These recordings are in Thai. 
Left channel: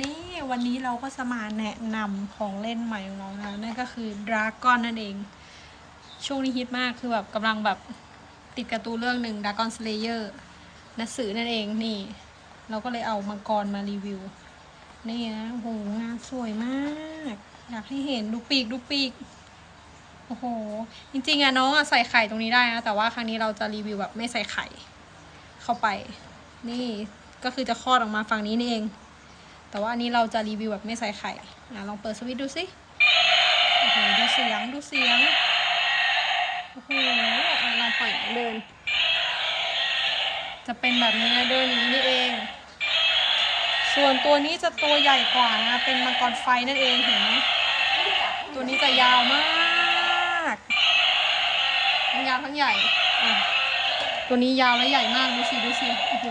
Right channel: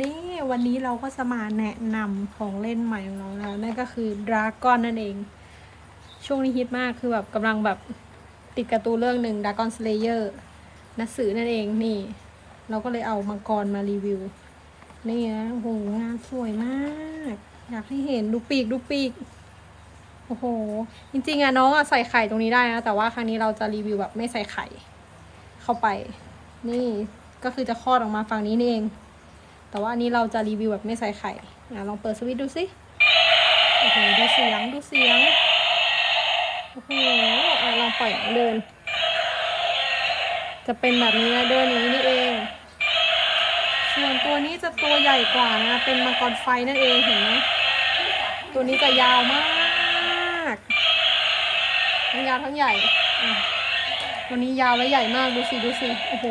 นี่วันนี้เราก็จะมาแนะนำของเล่นใหม่ของเรานะนั่นก็คือดราก้อนนั่นเอง ช่วงนี้ฮิตมากคือแบบกำลังแบบติดการ์ตูนเรื่องหนึ่งดราก้อนสเลเยอร์นัสือนั่นเองนี่ เราก็เลยเอามังกรมารีวิว นี่นะโอ้โหงานสวยมาก อยากให้เห็นดูปีกดูปีกโอ้โห จริงๆอะน้องอะใส่ไข่ตรงนี้ได้นะแต่ว่าครั้งนี้เราจะรีวิวแบบไม่ใส่ไข่เข้าไป นี่ก็คือจะคลอดออกมาฝั่งนี้นี่เอง แต่ว่าอันนี้เราจะรีวิวแบบไม่ใส่ไข่อะลองเปิดสวิตช์ดูสิโอ้โหดูเสียงดูเสียงโอ้โหอะลองปล่อยเดิน จะเป็นแบบนี้นะเดินอย่างนี้นี่เอง ส่วนตัวนี้จะตัวใหญ่กว่านะ เป็นมังกรไฟนั่นเองเห็นไหมตัวนี้จะยาวมากทั้งยาวทั้งใหญ่ตัวนี้ยาวและใหญ่มากดูสิดูสิโอ้โห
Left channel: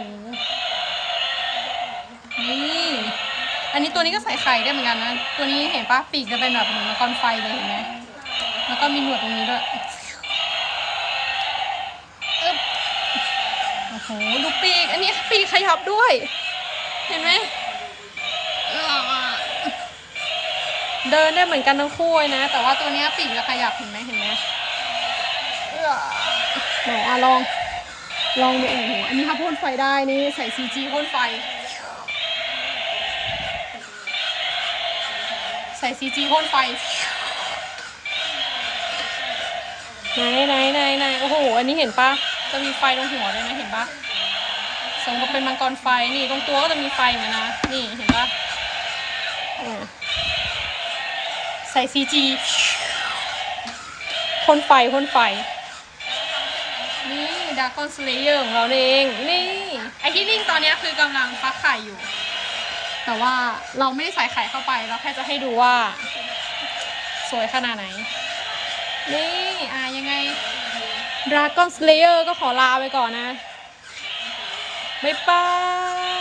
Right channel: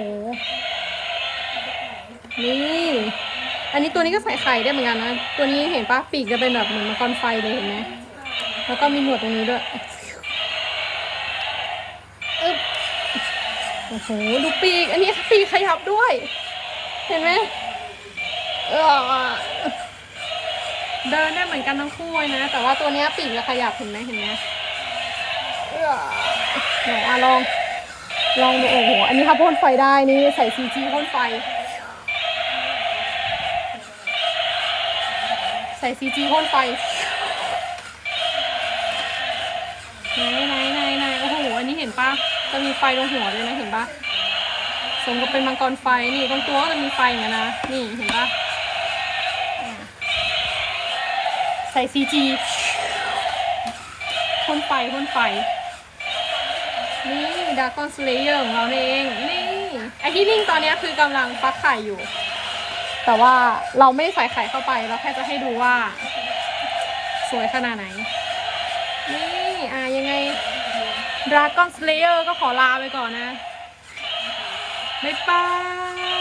นี่ อันนี้ตัวนี้ก็ใส่ไข่ได้เหมือนกันนะ ตัวนี้เห็นปะปีกจะเป็นแบบเหมือนมังกรไฟเลยเห็นไหม แล้วก็มีหนวดตรงนี้ด้วยอึ๊บโอ้โห ดูปีก อันนี้ปีกขยับด้วย เห็นไหมเออเดินได้เหมือนกันทั้งคู่นะ แต่ว่าตัวนี้ปีกจะขยับเห็นไหมเห็นไหมเออไหนลอง ลองดูโอ้โห อันนี้ถ้าพ่นไฟได้ นี่ใส่ซีจีพ่นไฟ ใส่ซีจีพ่นไฟไหนไหนไหนไหนโอ้โห อันนี้เห็นปะจะมีไฟตรงหัวด้วยนะ เห็นปะสมกับเป็นมังกรไฟ นี่ตรงตัวก็จะมีไฟเหมือนนนะ นี่เห็นปะใส่ซีจีพ่นไฟพ่นไฟ นี่ดากอนสเลเยอร์ของเราเอง นี่ ไอที่ลิงตอนนี้คือกำลังฟักไข่อยู่ แต่ว่าเราไม่ได้ใส่ไข่เข้าไปเราแค่จะให้ดูว่า สวยขนาดไหน นี่อะยังไง Dragon Slayer ก็ขอลาไปก่อนนะ บ๊ายบาย